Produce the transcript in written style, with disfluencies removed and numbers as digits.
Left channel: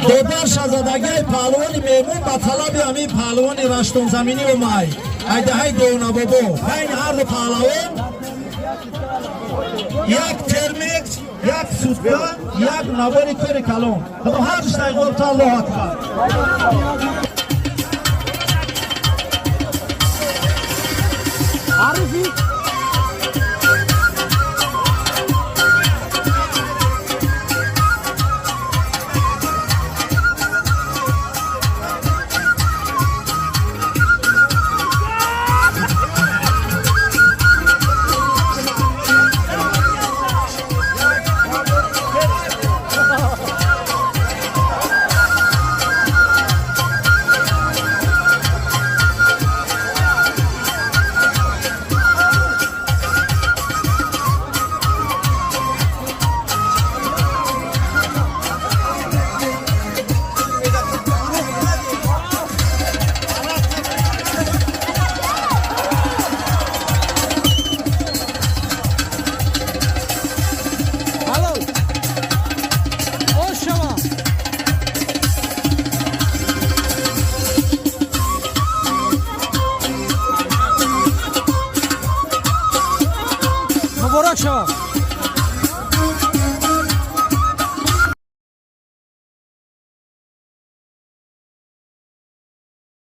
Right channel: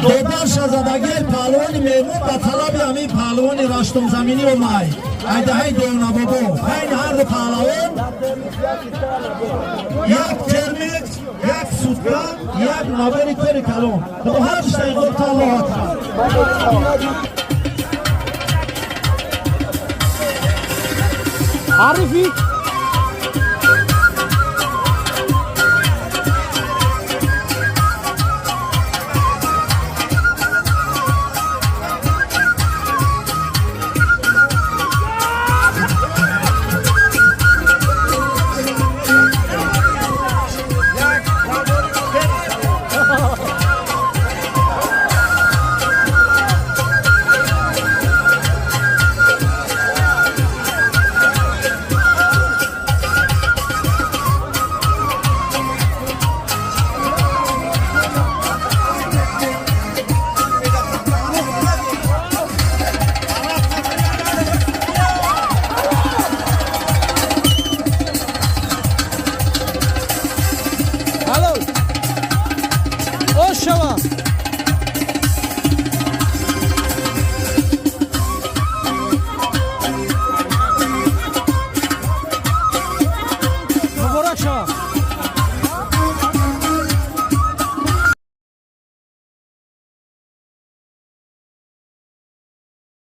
دیگر شاهزادگی پهلوانی میمون با طلب امی پهلوانی رشتم زمینی و مای ایدهای دونا بودو بین هر دو پهلوان یک ترمیکس یک سوزگاه یک نوری کاری کلون دو هر شتای گفت الله اکبر عارفی مبارک شما